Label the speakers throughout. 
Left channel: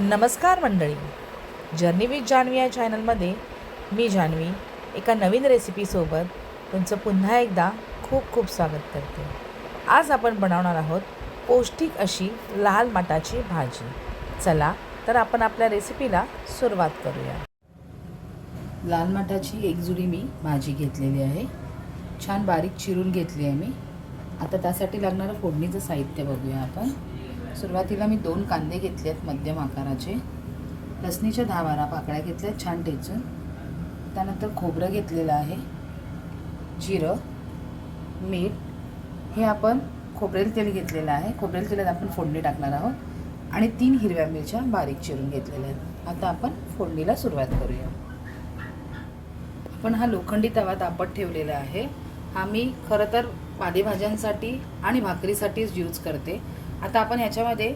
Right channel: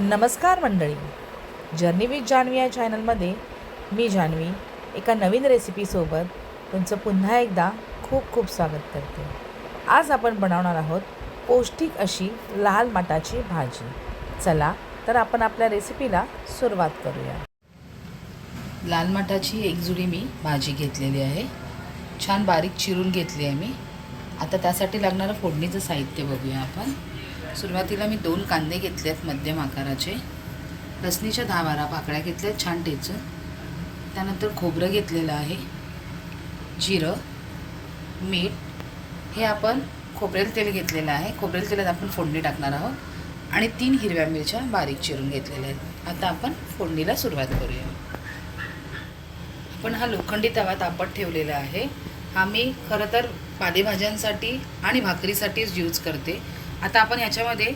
Speaker 1: नमस्कार मंडळी. Journey with Janhvi या चॅनलमध्ये मी जान्हवी एका नवीन रेसिपीसोबत तुमचं पुन्हा एकदा खूप खूप स्वागत करते. आज आपण बनवणार आहोत पौष्टिक अशी लाल मटाची भाजी. चला तर आपण आपल्या रेसिपीला सुरुवात करूया.
Speaker 2: लाल मटाची एक जुडी मी भाजी घेतलेली आहे. छान बारीक चिरून घेतली आहे मी. आता त्यासाठी लागणारं फोडणीचं साहित्य बघूया आपण. सुरुवातीला मी दोन कांदे घेतले आहेत मध्यम आकाराचे. लसणीच्या दहा बारा पाकळ्या घेतल्या आहेत छान टेचून. त्यानंतर खोबरं घेतलेलं आहे. जिरं मीठ. हे आपण खोबरेल तेल घेतलेलं आहे. खोबरेल तेलात आपण फोडणी टाकणार आहोत. आणि तीन हिरव्या मिरच्या बारीक चिरून घेतलेल्या आहेत. आता आपण फोडणीला सुरुवात करूया. पण हा लोखंडी तवा तापत ठेवलेला आहे. हा मी खरं तर पालेभाज्यांसाठी आणि भाकरीसाठीच यूज करते. आता आपण याच्यामध्ये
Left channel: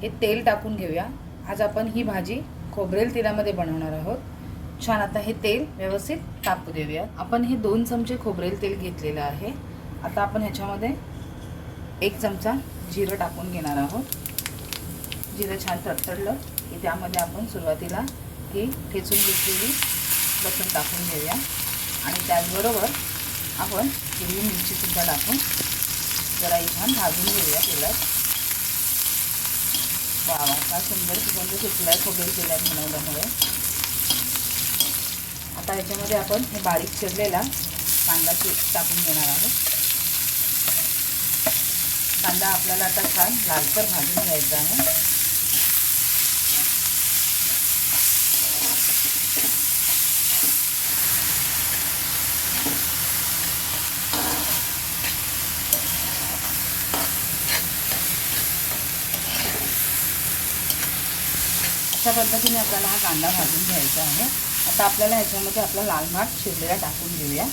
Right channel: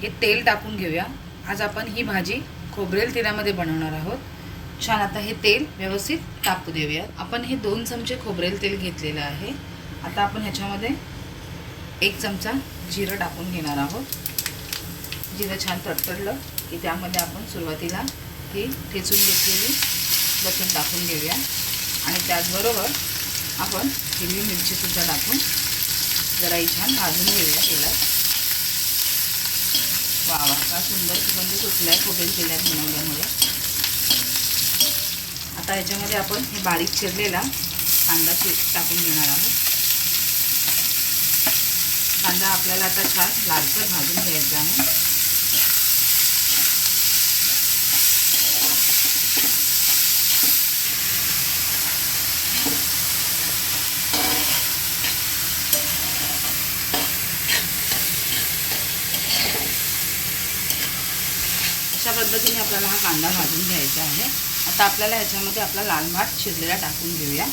Speaker 2: हे तेल टाकून घेऊया. आज आपण ही भाजी खोबरेल तेलामध्ये बनवणार आहोत. छान आता हे तेल व्यवस्थित तापू देऊया आपण हे दोन चमचे खोबरेल तेल घेतलेलं आहे. आता आपण ह्याच्यामध्ये एक चमचा जिरं टाकून घेणार आहोत. जिरं छान तडतडलं की त्यामध्ये आपण सुरुवातीला ही ठेचून घेतलेली लसूण टाकून घेऊया. आणि त्याचबरोबर आपण हिरवी मिरचीसुद्धा टाकून जरा ही छान भाजून घेऊया तेलात. वा वा हा सुंदर सुगंध सुटला आहे खोबरेल तेलात बनवल्यामुळे आता याच्यामध्ये आपण हे बारीक चिरलेला कांदा टाकून घेणार आहोत. कांदा आपल्याला आता छान लालसर भाजून घ्यायचा आहे. अशा पद्धतीने आपल्याला हा कांदा भाजून घ्यायचा आहे. आता आपल्याला ह्याच्यामध्ये आपला लाल भात शिजलेला टाकून घेऊया.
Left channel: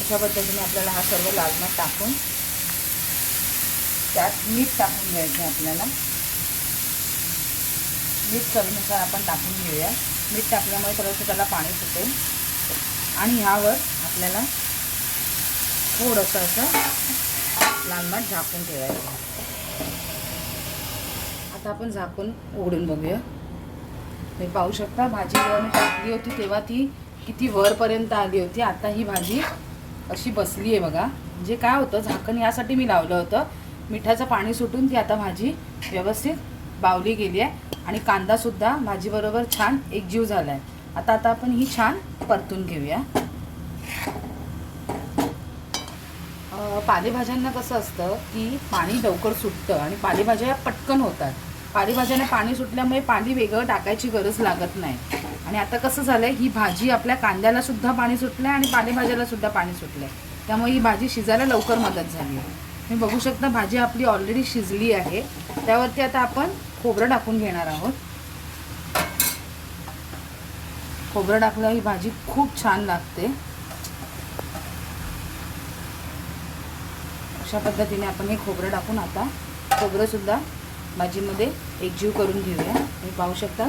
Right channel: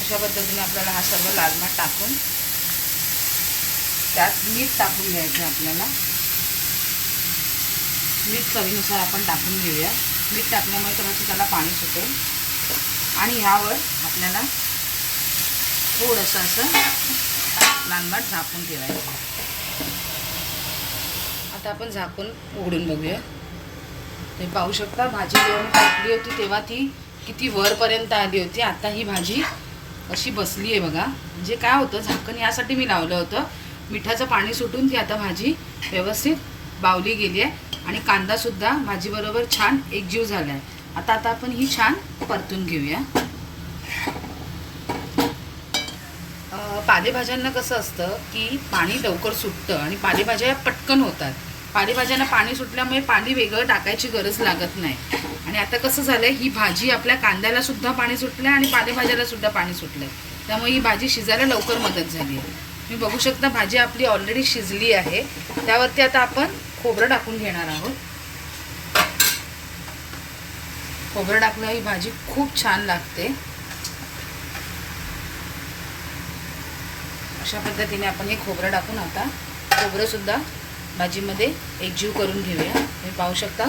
Speaker 2: अशा पद्धतीने आपल्याला हा सर्व लाल भात टाकून त्यात मीठ टाकून घ्यायचं आहे आपल्याला. मीठ चवीनुसार आपण टाकून घेऊया. मीठ टाकल्यामुळे थोडंसं त्याला पाणी सुटेल. आणि ह्यावर आपल्याला थोडंसं असं लाल झाकून ठेवायचं. आता आपण झाकून उघडून बघूया. तुम्ही पाहू शकता भाजी जेव्हा मी टाकली होती तेव्हा ती किती वरपर्यंत आली होती आता ही भाजी अशी बसली आहे बघा. म्हणजे काय होतं झाकण यासाठी मी लावलं होतं. मिठाचं पाणी सुटून ती आता भाजी व्यवस्थित बावली गेली आहे. आणि कांदासुद्धा भाजीबरोबर छान एकजीव झाला आहे आता आता आपण ही छान परतून घेऊया. पालेभाज्यांना कसं असतं की पाणी लवकर सुटतं आणि पालेभाज्या या पटकन होतात. पालेभाज्यांना पाणी सुटल्यामुळे पाणी वेगळं टाकायची गरज लागत नाही. आणि आता कसं झालंय ही भाजी आपल्या कांद्याला सुद्धा पाणी सुटलं आणि पालेभाज्याला सुद्धा पाणी सुटलंय. त्यामुळे ही भाजी शिजायला लवकर मदत झाली आहे. तुम्ही बघू शकता भाजी आपली ऑलरेडी शिजली आहे. त्यावरती आता आपण खोबरं टाकून घेणार आहोत. खोबरं टाकलं ही भाजी खूप छान लागते. अशा पद्धतीने आपण हे खोबरं टाकून आता खोबरंसुद्धा भाजीमध्ये एकजीव करून घेऊया. तुम्ही पाहू शकता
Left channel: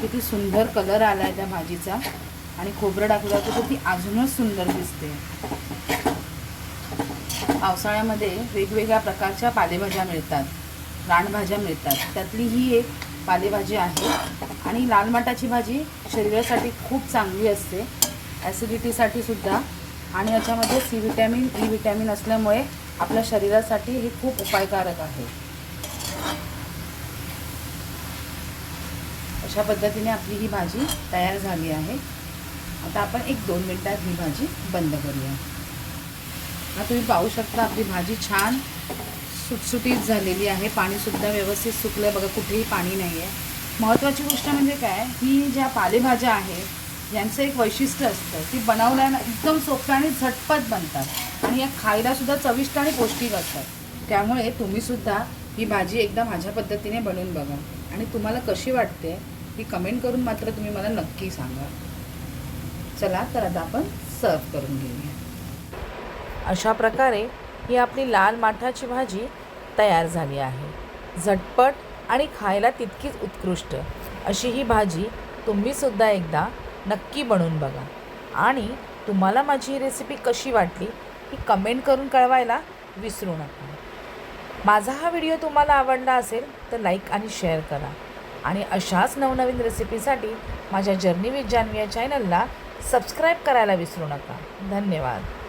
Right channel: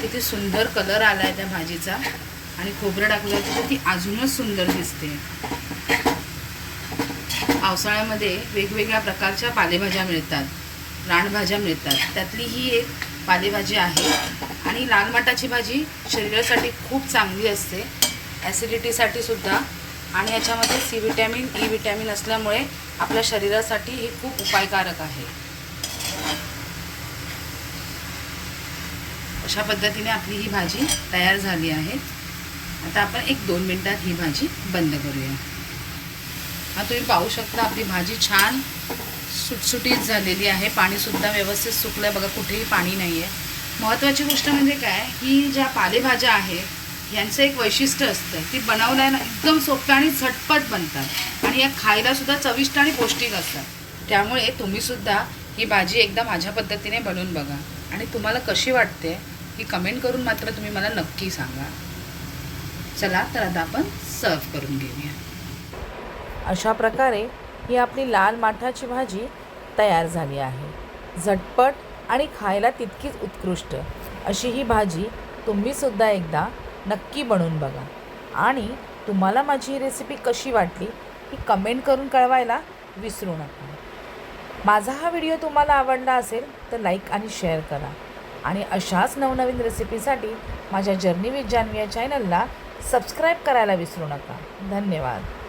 Speaker 2: किती सुंदर कलर आला आहे त्या भाजीचा. आणि खोबरं टाकलं तर ती अजूनच सुंदर दिसते. पावसाळ्यामध्ये वेगवेगळ्या प्रकारच्या पालेभाज्या मिळतात. रानभाज्या मिळतात. त्यातली ही एक पालेभाजी आहे. आणि लाल मटाची भाजी शरीरासाठी खूप चांगली असते. ॲसिडिटीसाठी सुद्धा आणि याच्यामध्ये सी विटॅमिन ई विटॅमिन असल्यामुळे आपल्या शरीरासाठी हे खूप उपायकारक आहे. अशा पद्धतीने आपली ही भाजी तयार झाली आहे. आता आपण एक दोन मिनटात ही भाजी बंद करूया. हा तुम्ही पाहू शकता आपली भाजी छान सुटसुटीत झालेली आहे. पाणीसुद्धा व्यवस्थित सुकलं आहे बघा कुठेही पाणी नाही आहे महत्त्वाची गोष्ट म्हणजे काय? ही ज्या पालेभाज्या आहेत यांचं एक वैशिष्ट्य असतं ती बनवल्यानं एकदम सोप्या आणि झटपट बनतात. आणि या खायलासुद्धा चविष्ट आणि पौष्टिक असतात. त्यामुळे तुम्हीसुद्धा ही भाजी एकदा माझ्या पद्धतीने बनवून बघा. आणि तुम्हाला कशी वाटते ही कमेंट करून मात्र तुम्ही मला नक्की सांगा. चला तर आता आपण सर्व करून घेऊया.
Speaker 1: अशा प्रकारे ही आपली लाल माठाची भाजी तयार झाली आहे. झटपट आणि खायला तितकीच उत्कृष्ट. अशी ही भाजी तुम्हीसुद्धा एकदा नक्की बनवून बघा. आणि तुम्हाला माझी ही रेसिपी कशी वाटली ही कमेंट करून कळवायला विसरू नका. माझा हा व्हिडिओ तुम्हाला आवडला असेल तर लाईक आणि शेअर करा. आणि अशाच नवनवीन रेसिपीसाठी माझ्या जर्नी विथ जान्हवी या चॅनलला सबस्क्राईब करायला विसरू नका. धन्यवाद.